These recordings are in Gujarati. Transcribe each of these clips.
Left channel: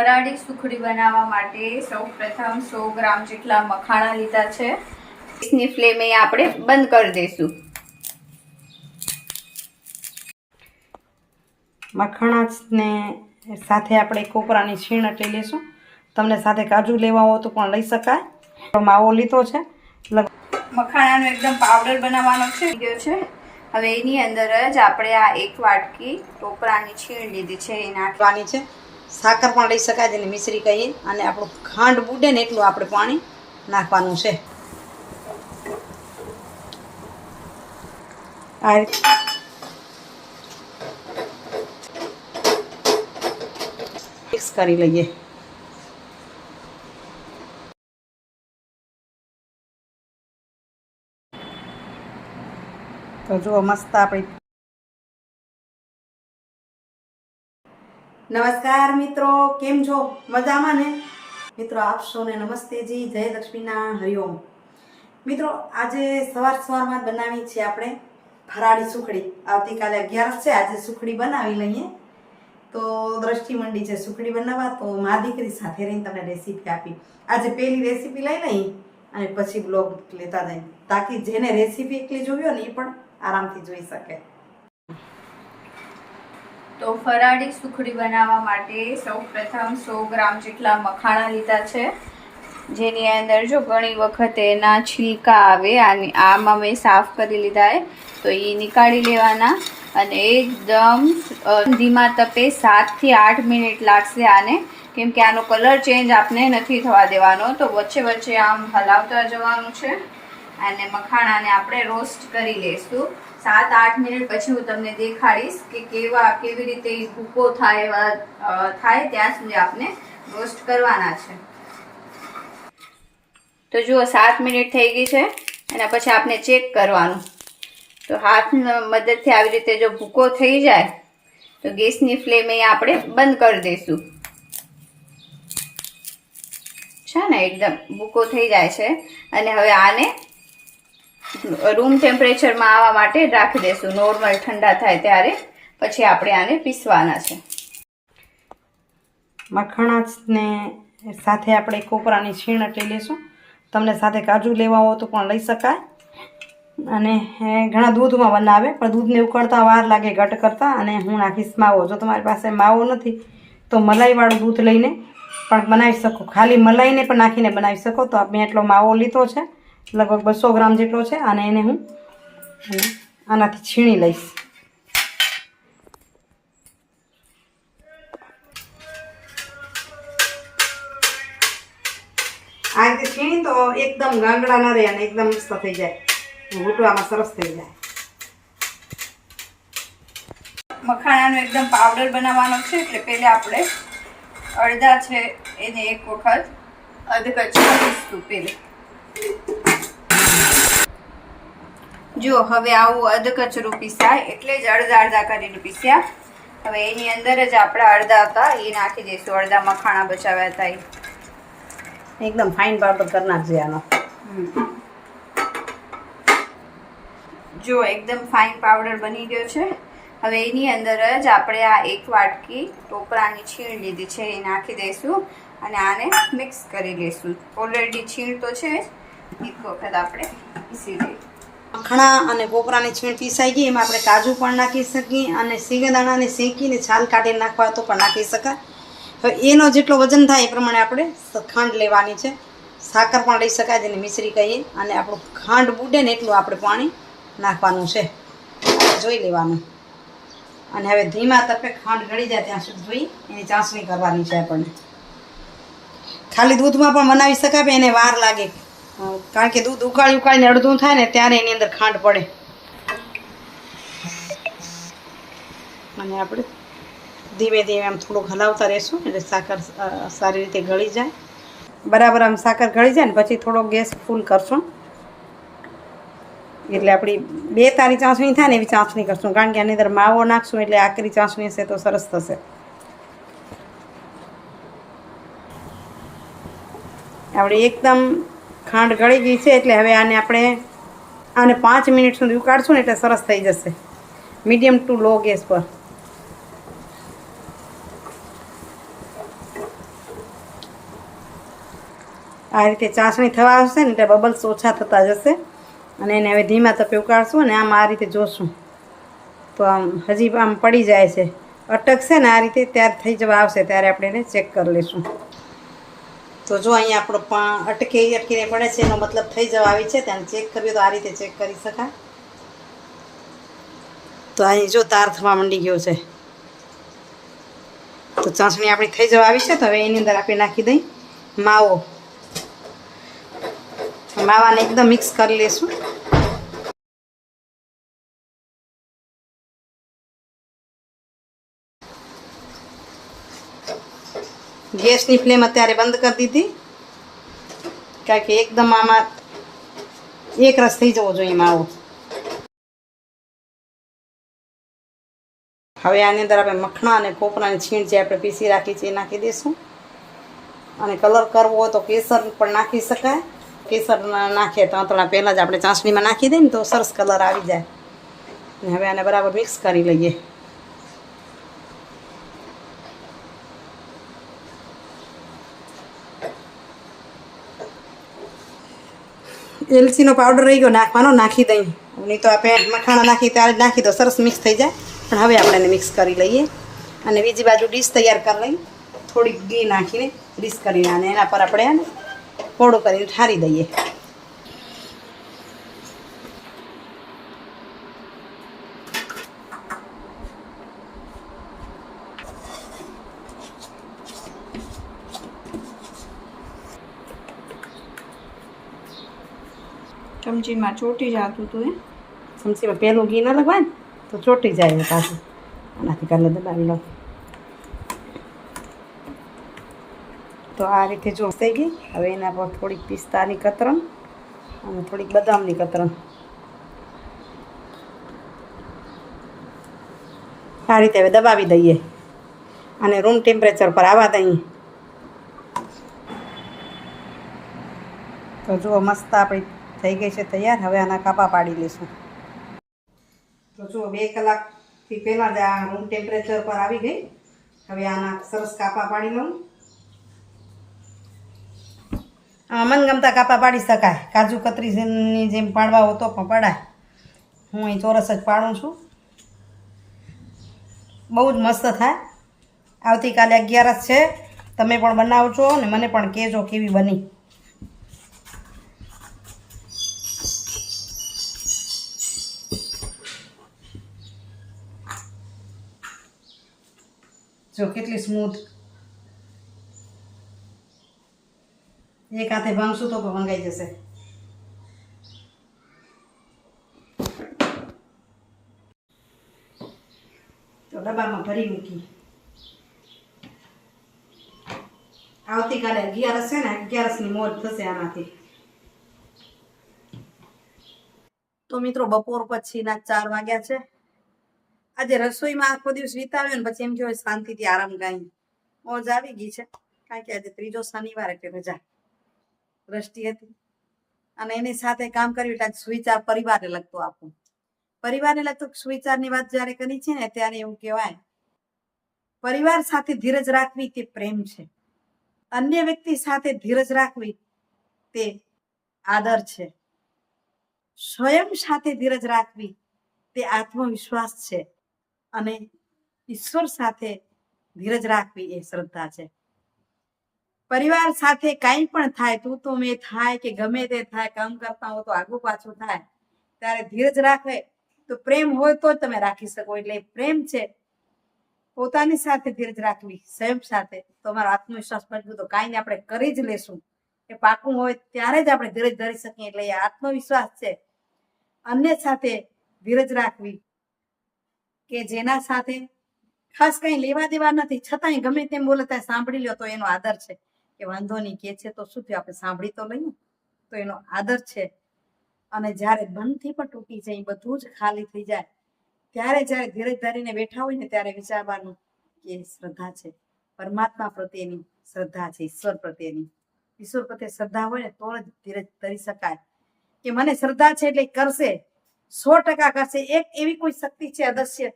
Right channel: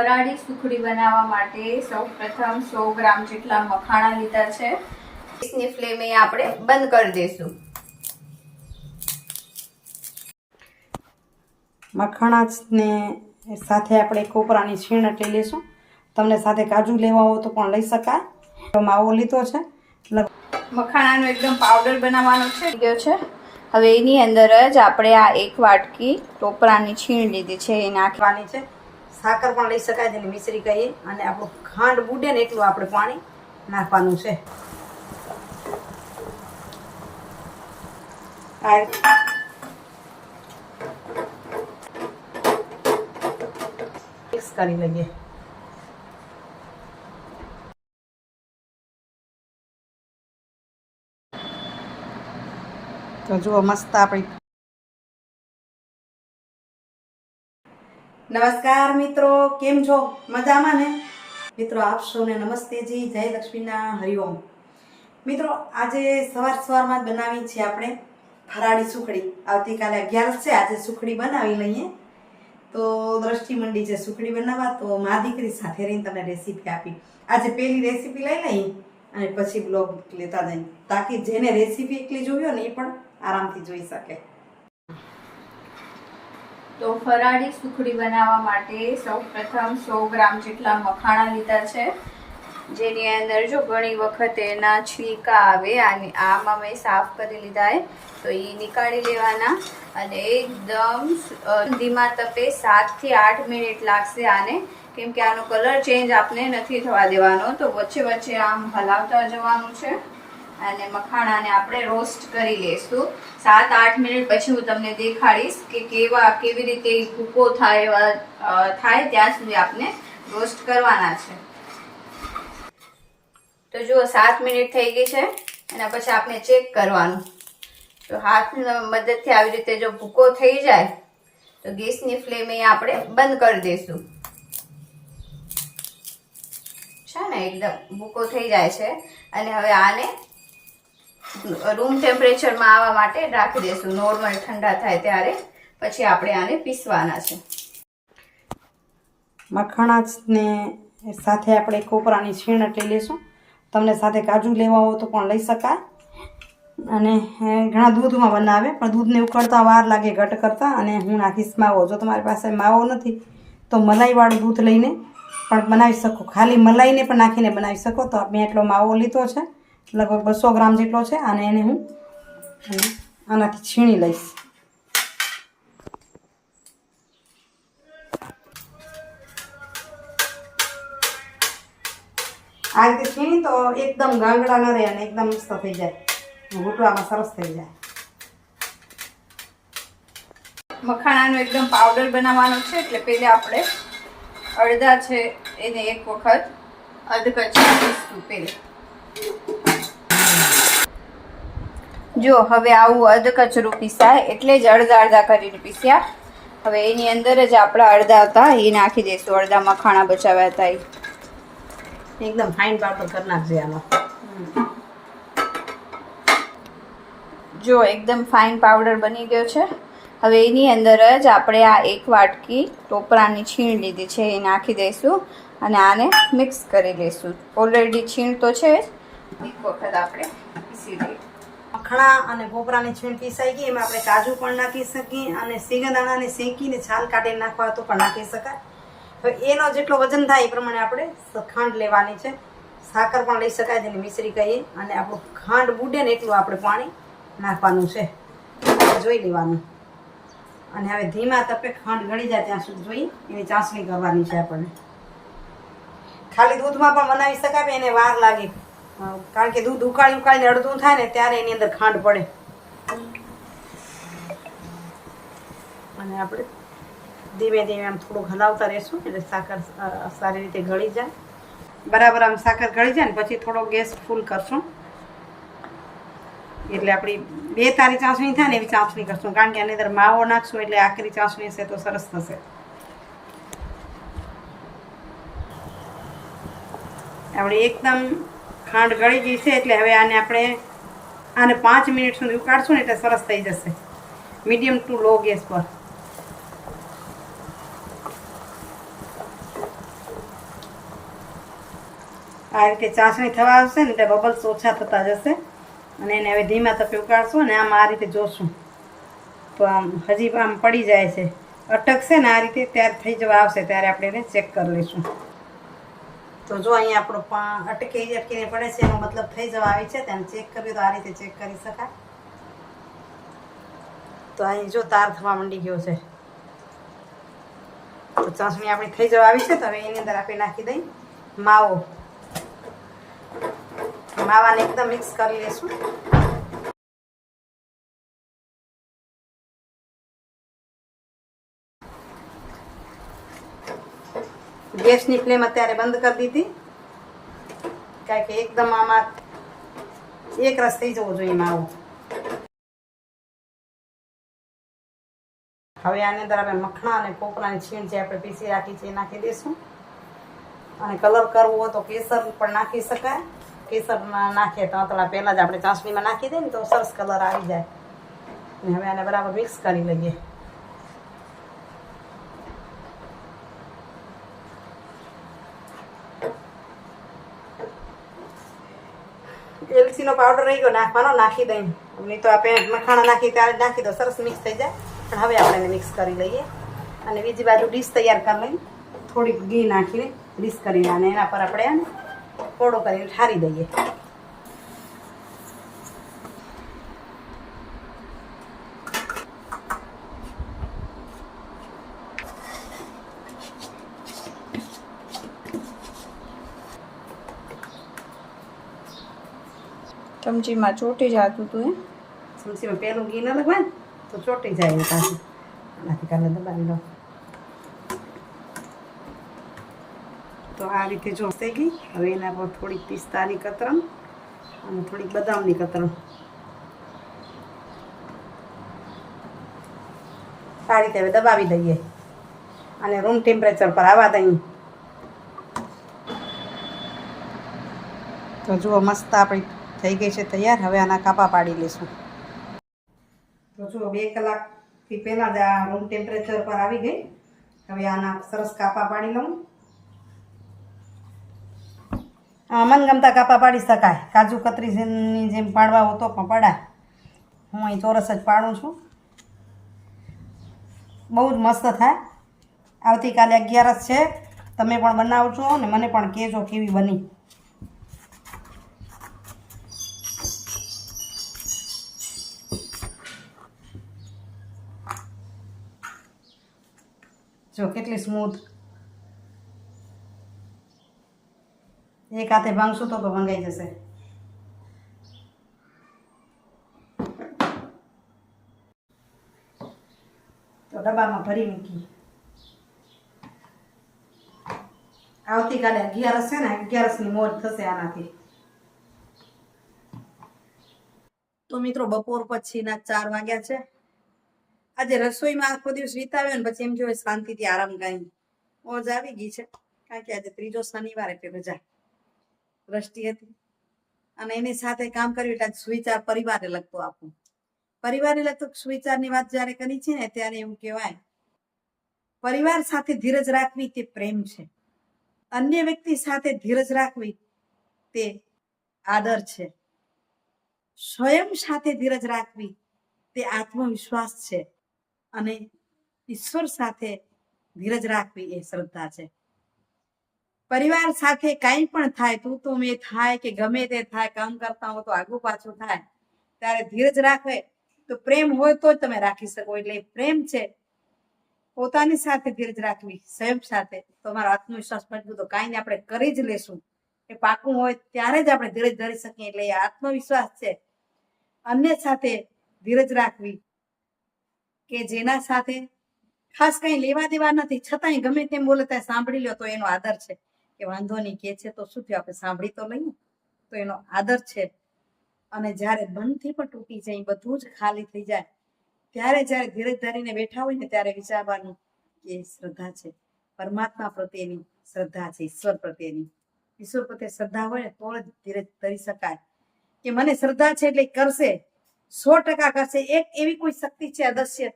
ફરાળી સુખડી બનાવવા માટે સૌ પ્રથમ સો ગ્રામ જેટલા મખાણા લીધા છે. ગેસની ફ્લેમ એ આપણે બંધ કરી દઈશું. મખાણાને સાથે આપણે કોપરાની છીણ અટલી લઈશું. તમને સાથે કાજુ લેવા હોય તો પણ લઈ શકાય. માવો લીધો છે. મખાણાનો એકદમ પાવડર બનાવવાનો છે. ગયો છે. હવે એની અંદર જ આપણે આ એક વાટકી ટોપરાની છીણ લીધી છે. એ નાખી નાખવાની છે. સાકર પણ લઈ શકાય જેને મિશ્રી કહીએ. અને આપણું ખાંડ બુડે ને એટલું આપણે પાણી નાખવાનું છે. મિક્સ કરી લઈએ. તો જુઓ, મસ્ત આપણી નમસ્કાર મિત્રો, કેમ છો? મજામાં ને? મિત્રો, આપ સૌને નમસ્તેજી જય લક્ષ્મીના હરિઓમ. મિત્રો, આજે સવાર સવારમાં બનાવી છે આપણે ફરાળી સુખડી. આવતીકાલે અગિયારસ છે, આજે સુખડી બનાવી લઈએ. તો દ્રષ્ટિ મંડી છે સુખડી બનાવવા, તો મા દીકરી સાથે રહીને તમને રેસીપી આપી. આજે પહેલી રેસીપી લઈ લઈ અને પછી બ્લોગ લેતા જઈ તાકી જેને રેસીપી એકલી જોવી હોય ને એ પણ આરામથી જોઈ શકે. તો ફરાળી સુખડી બનાવવા માટે સૌ પ્રથમ સો ગ્રામ જેટલા મખાણા લીધા છે. જેની અંદર જો ઘણી વખત એના છીલકા આવે, આની આમાં મેં સાફ કરી લીધા એ તો એ નીકાળી લેવાના અને એકદમ ધીમા તપે સાતથી આઠ મિનિટ લાગશે આને. કેમ કે આનો કલર ચેન્જ આપને નથી થવા દેવાનો, તો વચ્ચે વચ્ચે આમ હલાવતા જવાનું છે. અને મખાણાને આપણે રોસ્ટ કરી લઈશું સાત, આઠ મિનિટ પછી હું તમને દેખાડીશ કે કેવા, કેવી રીતે ભૂકો થાય એવા થાય ત્યાં સુધી આપણે રોસ્ટ કરવાના છે. તો જુઓ, સાત મિનિટ થઈ ગઈ છે અને પછી આપણે ચેક કરવાનું. તો હાથ મદદથી આવી રીતે જો ભૂકો થઈ જાય, તો ગેસની ફ્લેમ એ આપણે બંધ કરી દઈશું છે ને, એકદમ ભૂકો થઈ જાય છે. અને હવે આને રૂમ ટેમ્પરેચરમાં આવવા માટે રાખી દેશું નોર્મલ ઠંડા થાય ત્યારે. પછી આપણે આને પીસવાના છે. મખણાને સાથે આપણે કોપરાની છીણ એટલી લઈશું તમને સાથે કાજુ લેવા હોય તો પણ લઈ શકાય. અને ઘણા દૂધમાં બનાવે, પણ દૂધને ઉકળતા વાર લાગે ઘટ કરતાં અને હું નાખીશ માવો. જો તમારી પાસે માવો નથી, તો મલાઈવાળું દૂધ લઈને પણ બનાવી શકો. ખાલી મલાઈને પણ નાખીને બનાવી શકો. તો મેં એટલો માવો લીધો છે. લગભગ બસો ગ્રામ જેટલો છે અને એને હું આનાથી છીણી લઈશ. આ રીતે છીણી તો એકદમ ગાંગડા ન રહે અને એકદમ મસ્ત થઈ જાય. ઘૂંટવામાં સરસ થઈ જાય. મખાણાનો એકદમ પાવડર બનાવવાનો છે, એટલે પહેલાં આપણે અડધા છે, એને એક વખત અધકચરા પીસતું પહેલે. જો હવે આવું અધકચરું પીસાય એટલે જ અડધા અડધા કરીને પીસ્યા. હવે એની અંદર જ આપણે અડધા હતા એ નાખી દઈશું. અડધા મખાણા બચાવ્યા હતા એ. એકદમ ફાઇન પાવડર કરી નાખજે આનો. જો એકદમ ફાઇન પાવડર બની ગયો છે. હવે એની અંદર જ આપણે આ એક વાટકી ટોપરાની છીણ લીધી છે એ નાખી દઈશું અને આને મિક્સ કરી લઈશું. ઓલરેડી છીણ તો છે જ. એક વખત આપણે પીસી લઈએ. મખણા અને પોપરાની છીણ પીસાઈ ગઈ, એમાં આપણે કાજુ પણ નાખી શકીએ અને સિંગદાણાને શેકીને છાલ કાઢીને નાખવા તો પણ નાખી શકાય. હવે એનો જેટલો વજન થાય એ પ્રમાણે આપણે ખાંડ લેવાની છે. સાકર પણ લઈ શકાય જેને મિશ્રી કહીએ. અને આપણું ખાંડ બુડે ને એટલું આપણે પાણી નાખવાનું છે. જોઈ લેવાનું. અને હવે ધીમા તપે ખાંડ ગળી જાય ત્યાં સુધી ધોઈ એની ચાસણી કરવાની છે આપણને. ખાલી દૂધમાં પણ બનાવી શકાય એને વાર લાગે. કારણ કે દૂધ ઉકાળી ઉકાળીને અડધું થાય ને ત્યારે એની અંદર ખાંડ પડે. અને આપણે ધીમે ધીમે આમ થોડુંક હલાવતા રહેશું એટલે સાકર સારી રીતે ગળી જાય. બરાબર આમ સાકર ગળી જાય ને પછી થોડો ગેસ ફૂલ કરશું. એટલે આપણી બે તારી ચાસણી થાય ને એવી ચાસણી કરશું. કારણ કે આની અંદર માવો નાખશું એટલે આકરી ચાસણી હશે તો સરસ થશે. આપણે એકદમ ખાંડ ગળી ગઈ છે એટલે હવે આને આપણે આને પાંચ મિનિટ સુધી ઉકાળશું ને એટલે સરસ થઈ જશે. મીડિયમ ટુ લો ગેસ પર. આ રીતે ચાસણી થવા આવશે ને એટલે બબલ્સ ઓછા થતા જશે. અને એને હવે ધીમા તપે ઉકાળશું અને આમ આ રીતે જોશું. તો આમ હજી આમ પડી જાય છે. અટકશે ને આ રીતે ત્યારે થઈ જવા આવશે ત્યારે આપણે એને ચેક કરી લઈશું. તો જો અહીંયા આપણો પા અટકી અટકીને પડે છે, એનો મતલબ થઈ જવા આવી છે ત્યાં ચેક કરીએ તો આ રીતે ચેક કરી શકાય. તો અહીં જો તાર થવા માંડી ગયો છે. તો ચાસણી આપણી થઈ જવા આવી છે, તો હવે એની અંદર આપણે નાખી દઈ. માવો. માવાને એકદમ મિક્સ કરી લઈશું ગેસની ફ્લેમ અત્યારે બંધ કરી દીધી. કારણ કે એકદમ આમાં એક રસ થઈ જવો જોઈએ માવો. હવે આની અંદર આપણે મખણા અને કોપરાની છીણ જે આપણે પીસી રાખી છે એ નાખી દઈશું. અને કલર કરવો હોય તો કેસર પણ નાખી શકાય. કેસર નાખે તો થોડા પહેલાં જ આપણે ચાસણીમાં નાખી દઈએ ને તો સરસ કલર આવી જાય. હવે આને બરાબર મિક્સ કરી લઈએ. એલચીનો પાવડર રહી ગયો, નાખવાનો, નાખી દઈ. નહીં તો આપણે મખાણો નાખી ત્યારે નાખી દો, સરસ મિક્સ થઈ જાય. પણ હવે આપણે એને મિક્સ કરી લઈએ. અને બીજી બાજુ ડીશ તૈયાર કરી લઈ. થોડીક ઘી નાખીને ડીશ કરીને અને એના પર આપણે પોળું કરીને ઠારી દઈએ. ચમચીમાં ચોટી જતું હતું એ ચમચીમાં પહેલું ઘી ન લગાવે ને, તો ચોટી જાય પાછું આનાથી કાલે દબાવી લો તો આ રીતે થઈ ગઈ. હવે એના પર થોડીક પિસ્તાની કતરણ અને થોડીક બદામની કતરણ. આ રીતે હવે દબાવી દઈએ. અને રૂમ ટેમ્પરેચર પર આવવા દઈએ. તો જુઓ, મસ્ત આપણી થઈ ગઈ છે તૈયાર. હવે આના કાપા પાડી લઈશું. તો જો બે કલાકથી પહેલાં જ આ રૂમ ટેમ્પરેચર પર આવી ગઈ. હવે આના સરસ કાપા પાડી લઉં. મનગમતા કાપા પાડી શકાય. કાજુ કતરીની જેમ પાડવા હો તો પણ પડાય. હું અહીં ચોરસ જ પાડું છું. બહુ જ મસ્ત થાય. આવતીકાલે અગિયારસ છે. તમે પણ બનાવજો અને મને પણ કહેજો કેવી બની. જો કેટલી સ્મૂથ એક હાથે ભાંગશું તો પણ ભંગાઈ જશે. તો ડબ્બામાં ભરી મૂકી. આવતીકાલે અગિયારસ છે ને, અગિયારસની મોજ થશે આનાથી. તો મિત્રો બપોર પછીના ચાર વાગ્યા છે. આજે રસોઈમાં આખો દિવસ વિતાવ્યો ને પછી એમ જોઈએ શાંતિથી આરામ ગાઈ. મોજ આવી ગઈ છે. કારણ કે આજે ત્રીજો શનિવાર એટલે રજા. દ્રષ્ટિ હતી. અને એની સાથે કામ કર્યું એટલે સુવિચાર પરિવારને લગતો આપું. પરિવારને લગતો સુવિચારની વાત જ્યારે કરી છે ને ત્યારે એવું કહેવાય. પરિવાર સાથે ધીરજ રાખવી તે પ્રેમ છે. અન્ય વ્યક્તિ સાથે ધીરજ રાખવી તે આદર છે. સ્વયં સાથે ધીરજ રાખવી તે આત્મવિશ્વાસ છે. અને ઈશ્વર સાથે ધીરજ રાખવી એ શ્રદ્ધા છે. પરિવાર સાથે કાંઈ પણ થાય, તું તો મેં થાય કે ગમે તે થાય, કામ કરતા હો તો આગું પાછું થાય. ત્યારે ધીરજ રાખે, તો પ્રેમ હોય તો જ તમે રાખી શકો, એટલે પ્રેમ છે. પોતાની સાથે ધીરજ રાખવી સ્વયં સાથે. તમારો આત્મવિશ્વાસ મજબૂત કાંઈ આપણે કરી જ લેશું. એ પાકું હોય ત્યારે જ આપણે ધીરજ ધરી શકીએ, એટલે એ આત્મવિશ્વાસ છે. અન્ય સાથે ધીરજ રાખવી કે જેના સાથે ખાસ કંઈ લેવા દેવા નથી, છતાંય ગમે તેમ બોલે ત્યાં સાંભળી લો તો એનો આદર છે. કે વાંધો નહીં, કે છે તો શું થયું? આપણે સાંભળી તો લઈએ. તો એનો આદર છે. અને જ્યારે બંધથી પણ તૂટી જાય, બધું જ ખાલી થઈ જાય, ત્યારે જ્યારે ધીરજ ધરીને બેઠા હોય ને ત્યારે વિચારવાનું કે શ્રદ્ધા છે. પરમાત્મા પ્રત્યેની શ્રદ્ધા છે, ઈશ્વર પ્રત્યેની. ઈશ્વર પ્રત્યે શ્રદ્ધા હોય ને તો જ ધીરજ ધરી શકાય. કે મને શ્રદ્ધા છે એટલે કરશે. સો ટકા કરશે. એક એવી કોઈ શક્તિ છે અદશ્ય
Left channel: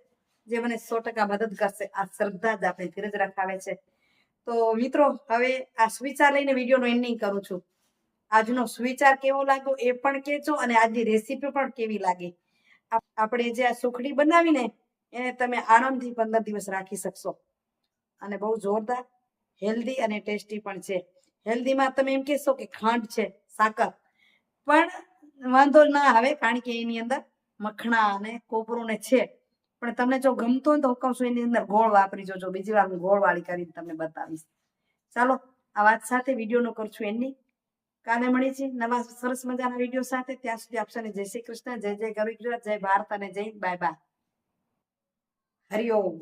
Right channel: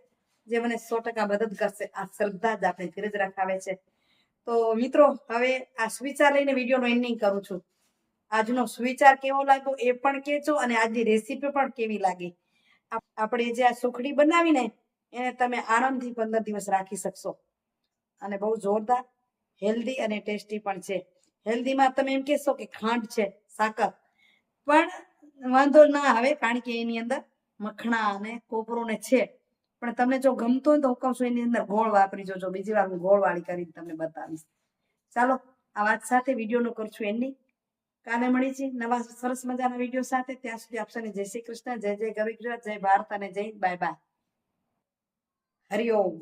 જે મને સો ટકા મદદ કરશે. આ શ્રદ્ધા જ આપણે ધીરજ રખાવે છે. તો મિત્રો, હવે આ સુવિચાર લઈને વિડીયોનો એન્ડિંગ કરું છું. આજનો સુવિચાર કેવો લાગ્યો એ પણ કહેજો અને આજની રેસીપી પણ કેવી લાગી? આપણે જે આ સુખડી બનાવીને એને તમે આરામથી પંદર દિવસ રાખી શકશો. અને બહુ જોરદાર હેલ્ધી અને ટેસ્ટી પણ છે. હેલ્ધીમાં તમે એમ કહેશો કે ખાંડ છે, સાકર. પણ વાંધો ના આવે, કારણ કે એની અંદર મખણા અને કોપરું ને છે. પણ તમને જો ગમતો હોય તો હું કહું છું એની અંદર ગોળ વાપરી જોજો. બીજી વાર હું ગોળ વાળી કરીને તમને બતાવીશ. ચાલો, આ વાત સાથે વિડીયોનો કરું છું એની કાલે મળી છે નવા સરસ મજાના વીડિયો સાથે. ત્યાં સુધી આપશોને જય શ્રી કૃષ્ણ, જય જય ગરવી ગુજરાત, જય ભારત અને જય બાય બાય. હરિઓમ